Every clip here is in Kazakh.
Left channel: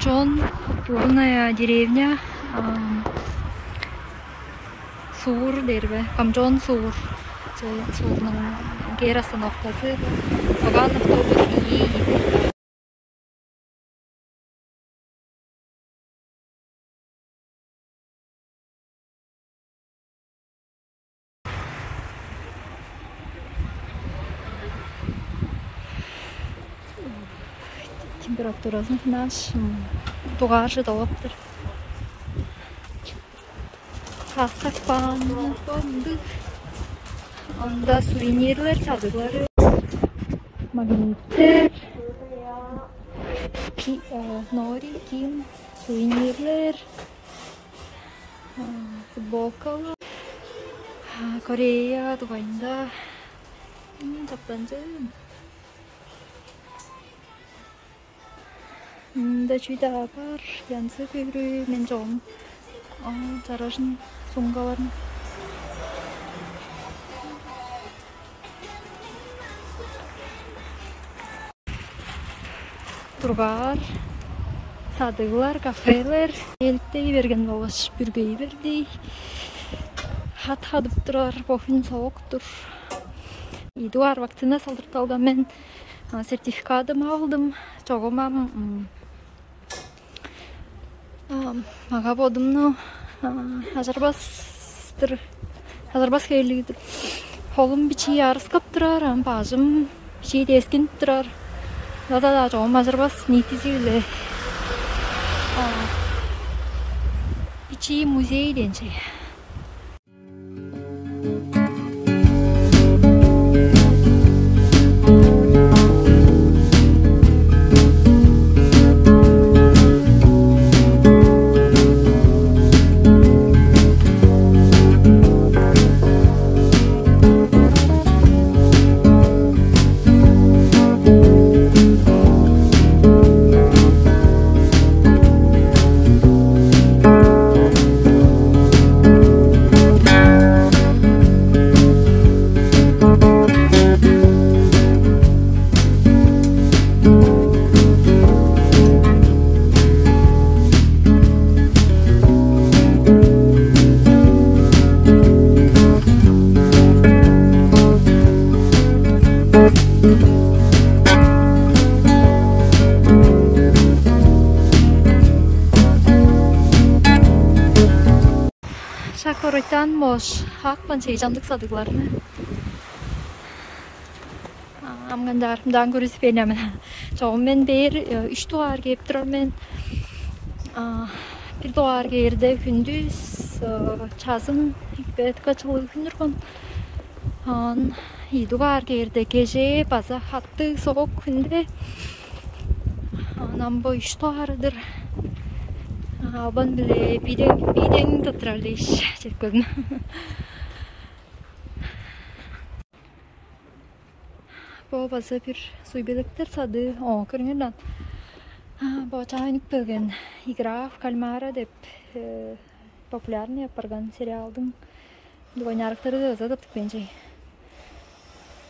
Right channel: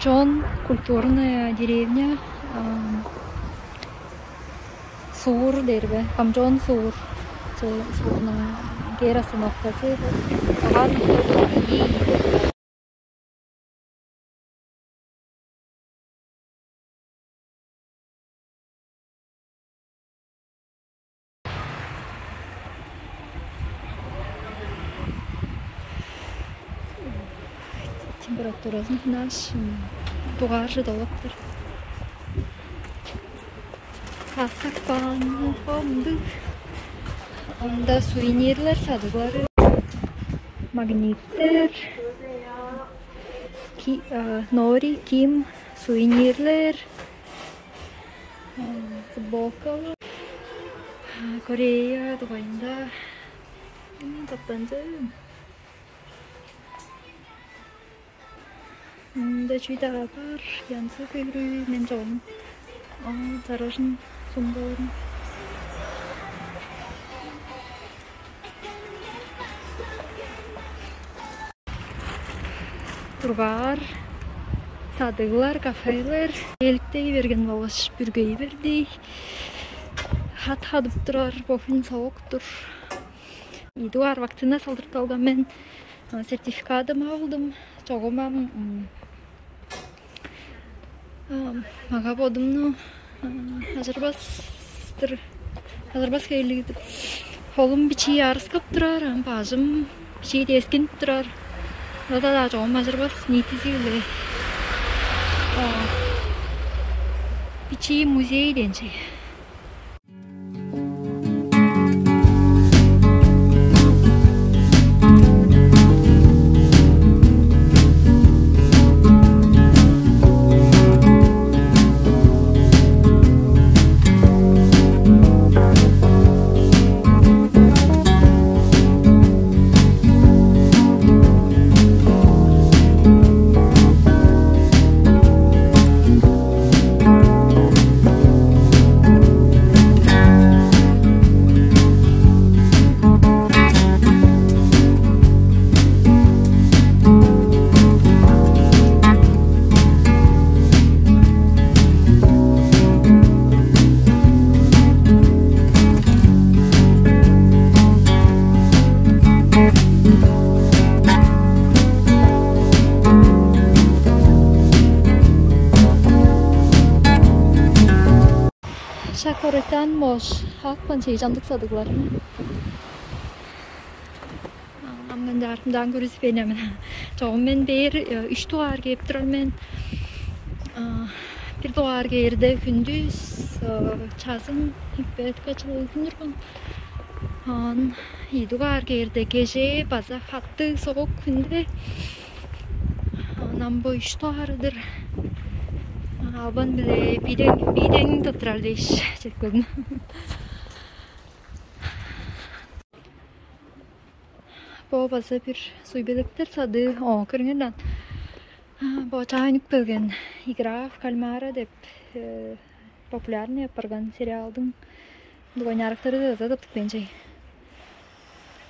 Камчон, культурная деревня. Сур дербе, Камчон Сур. Сурның гер остановкасы. Оған автобус ии иде. Температурасы наш тугары долаптыр. Хастакпан фонды. Анда сувенирлер садыклары. Магниттер. Нори, Ким, сувенирлер. Футболкалар. Корея тугайында. Таптанжы. Да чүйді бар, янсы көйрі мен жоғым. Жарашын соңғаларын. Тұрғар, садығылар, кафелер. Еліктей берген болғаш бүргей бердей. Хат-хадып тұрар, бофин соғық тұр. Идуар вакцина салдырталған мен сертификатым алдым. Соғымам маға бодымны Азарбас көйлігді. Қолым бичи арыскап тұрар, бажым бичи дескен тұрар. Зада жоғым Азарбас нетізілі. Бичи музей денші. Шакоритан мош хақпан шейжандық садықларыны. Амғандарымдан көрісіп енемін. Жоғым мен бер 3 туғар кеп тұрар мен. 1 туғар керді күндіз чазым бәт қачылы күндіргім. 2 туғар керді кеже база хатты соғық күнде. Намбо 3 туғарыдыр. Абан біле биден тұттырар дейш жеткөдің. Бұл база бір суйбеліктер сады көріңерден. Бұл чайнық бөлген игра в кальмара деп популярный апарған сериалдың дуайнарықтары да задыптық бенжей.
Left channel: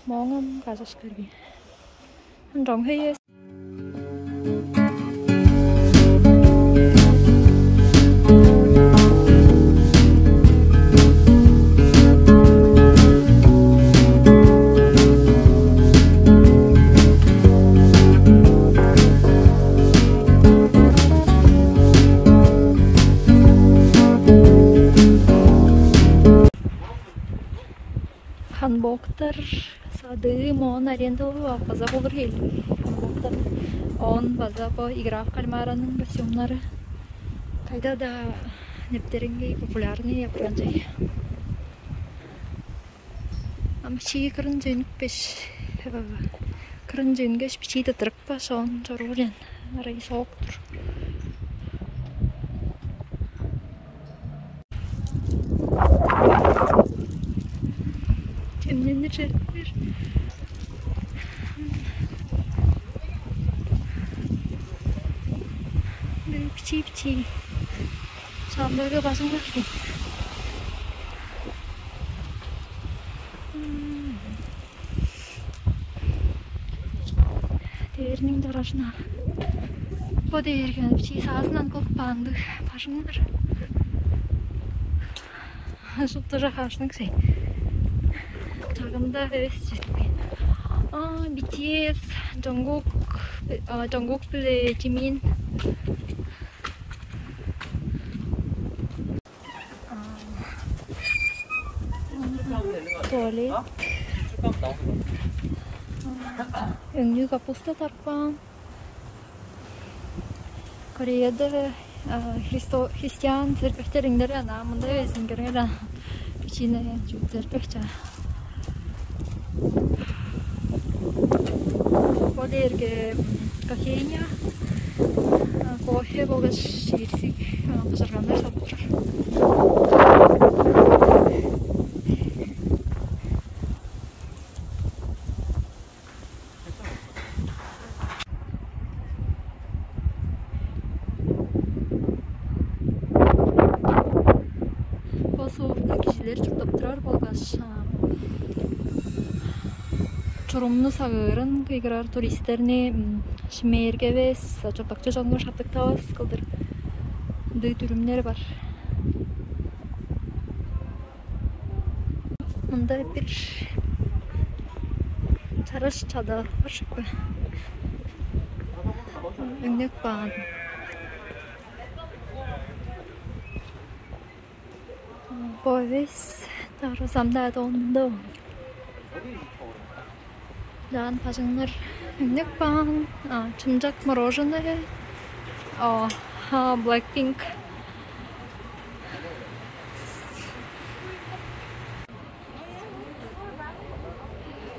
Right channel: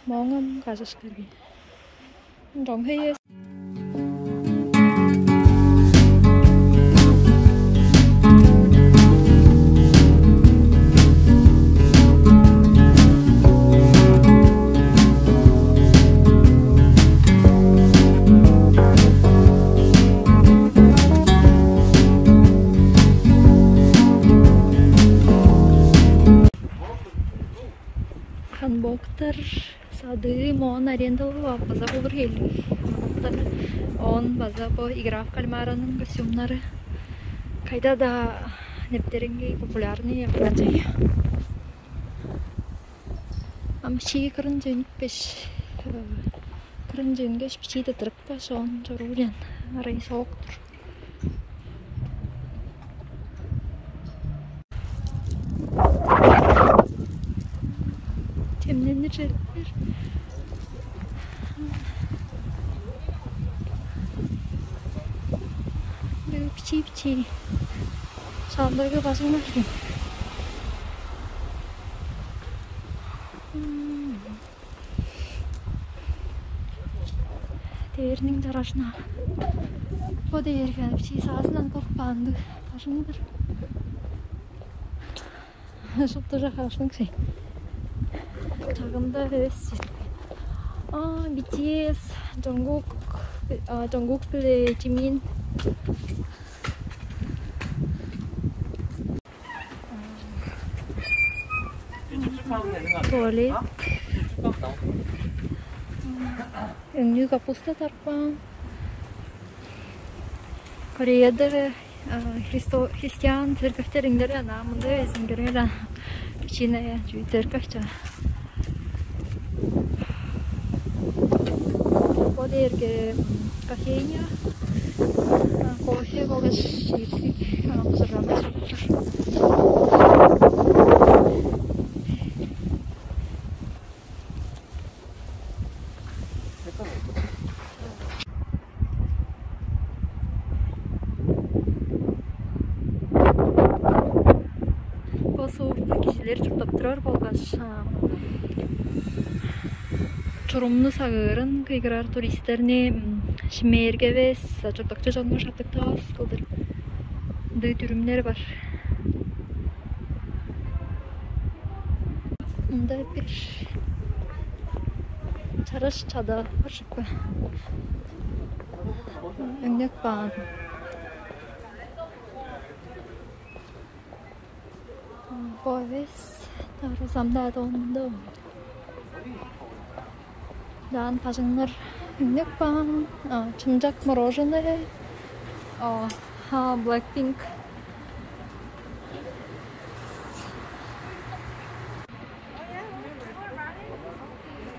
Моңым қажаш көрген. Жоң хейес. Ханбоктар сады моон арендалы база болыр хелі. Ханбоктар он база по игра в кальмараның костюмнары. Кайда да нептерінге популярный япыран жай. Амчи кырын жөнік беш. Кырын жөнгеш бичейді тұрып ба соң жорғырен. Арай соғық тұр. Темненер жердер. Бичи-бичи. Сандырғы басыңдар ден. Дерінің дарашына. Bu değerken bir şey sağsından kılıp bandı. Başınlar. Şutlara karşılık şey. Çağımda heves jetmeyin. BTS, Jungkook bile Jimin. Tuvalet. Ünlü kapusta tarpan. Kore'de Hristiyan zerkefteringleri namında vezin görüyorlar. İçine zerkefte. Bu derge kafenya. Kofe koga şiirsik hazırlanır saptır. Soğukta kişiler çırptırır bolgaç. Çorumlu sağırın kıyırar turistlerini şimerge ve çırptakça canlı şaptık tavas kıldır. Dı türümleri var. Bunda bir çarış çada var şıkkı. Önlük bağın. Boys, narozamda dondu. Dan пажыңнар үнек бан, чымжак мороженое, Blackpink.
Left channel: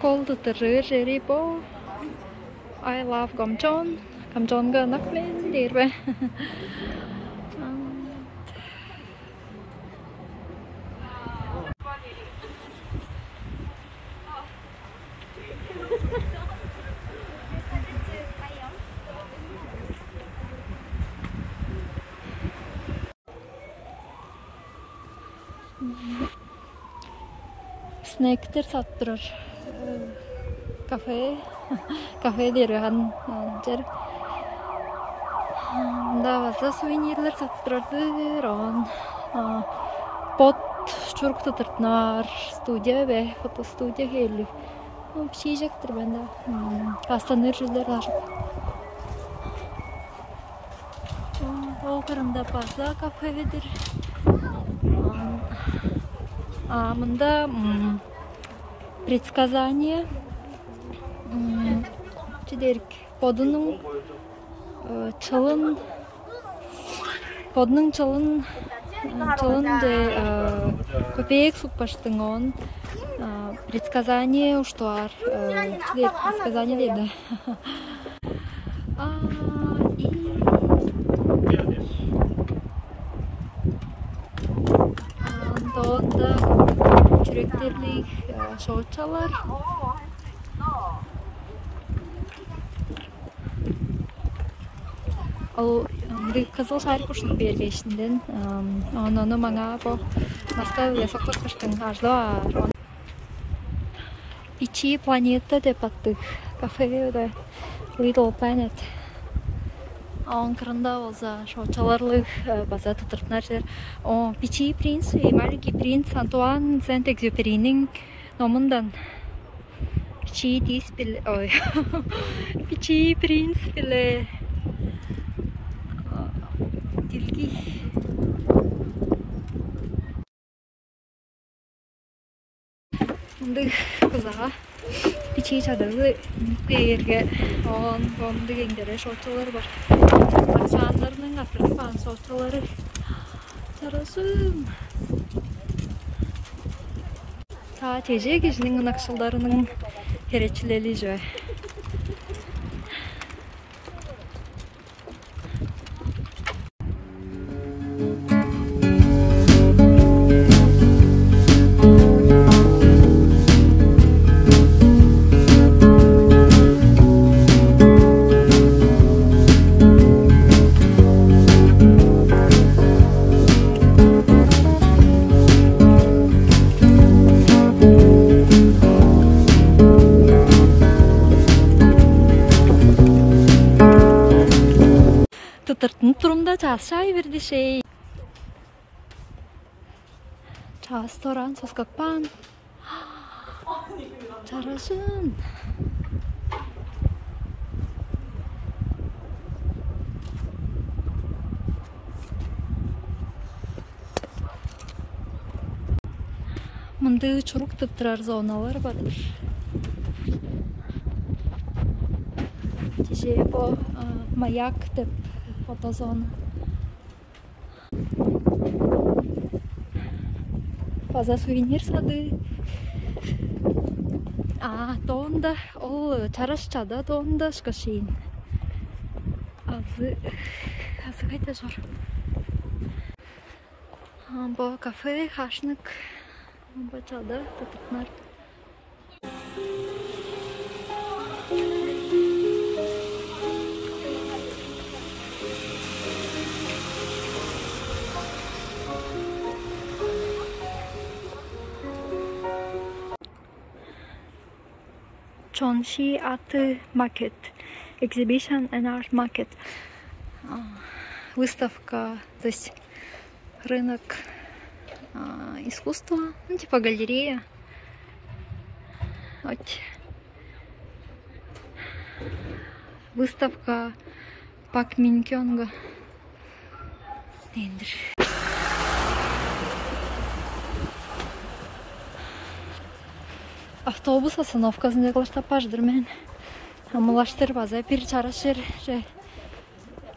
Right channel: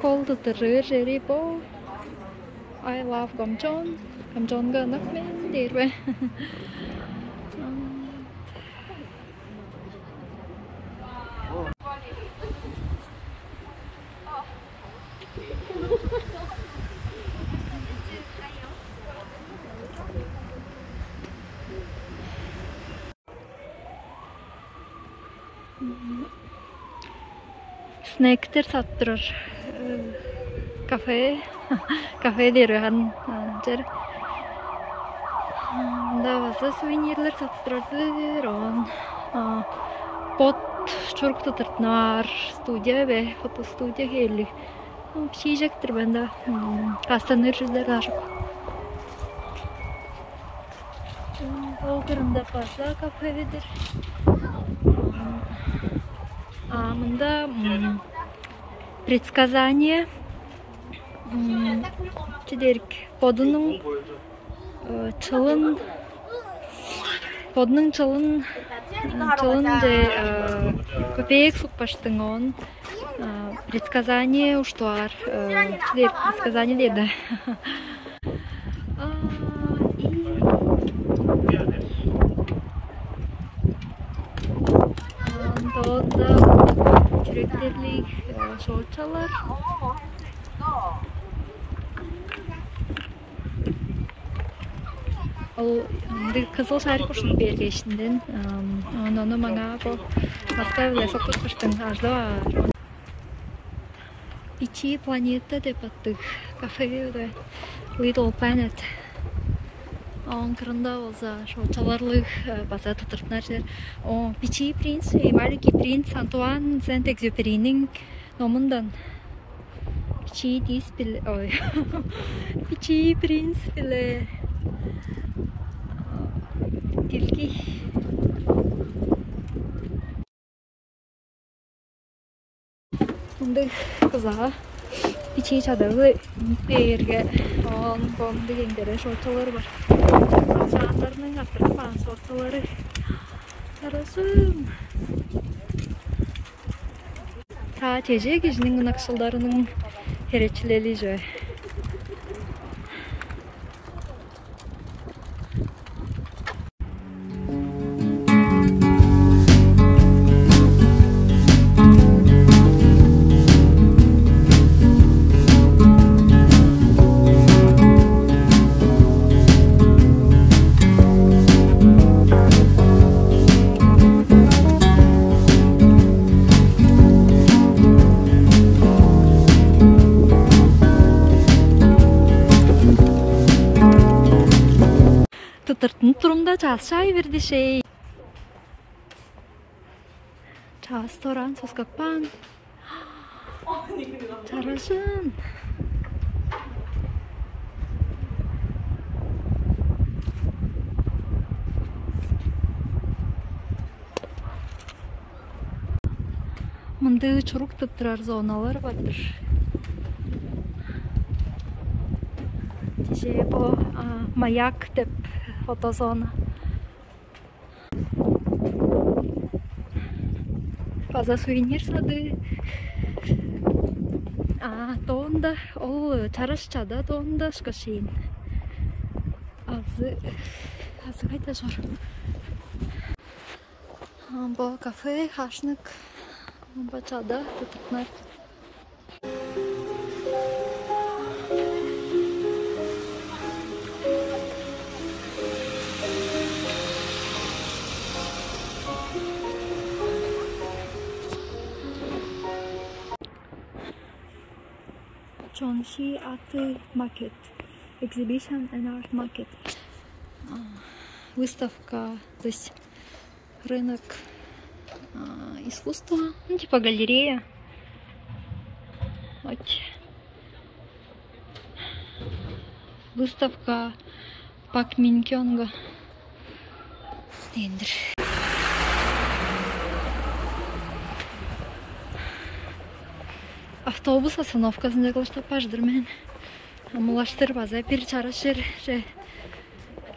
Колды тырыр жери бо. I love Gamjon. Gamjonga nakmen derbe. Snackter sattırır. Kafe derihan cer. Da bazı suvenirler sattırırdır. Pot çuruk tutırtnar. Studiya ve foto studiya geldi. Bir şey yiyecektir bende. Kastanırcılar daha çok. O kırımda fazla kafedir. Мында предсказание чедерик подының чылын де көпек сукпаштың он предсказание уштуар чедерик предсказание деді. Onda çürekterlik şorçalar. Al kızıl şarkı kuşun bir geçtiğinden onu bana bu Moskva ve sokak kuşun harclar. İçi planeta de baktık. Kafede Little Planet. Анкрында olsa şorçalarlık baza tutırtnar. O Pichi Prince, Malik'i Prince Antoine Saint-Exupéry'nin nomundan. Pichi dis bile, oy. Pichi Prince bile. Tilki. Bunda kıza. Pichi çadırı yerge on bomdu gengdere şorçaları var. Akşamlarının attırıpan şorçaları tarasım. Ta tece gecinin akşallarının hereçleli joy. çay verdi şey. Çağız toran soskakpan. Çarasın. Мындай чурук тыптырар зоналар бардыр. Же бу маяк деп фотозона. База сувенир сады. Тоонда ол чарашчада тоонда шкашин. Азы кайта жор. Бу кафе, хашнык. Бачада тутунар. Chonshi Art Market, Exhibition and Art Market. Выставка, то есть рынок искусства, ну, типа галерея. Вот. Выставка Пак Минкёнга. Автобус остановкасында кылыштапаждыр мен. Амалаштыр база бир чарашыр же.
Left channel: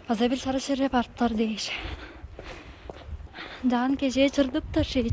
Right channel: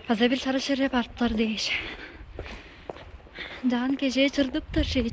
База бир чарашыр барыптар дейш. Дан кеже чырдыптыр şey.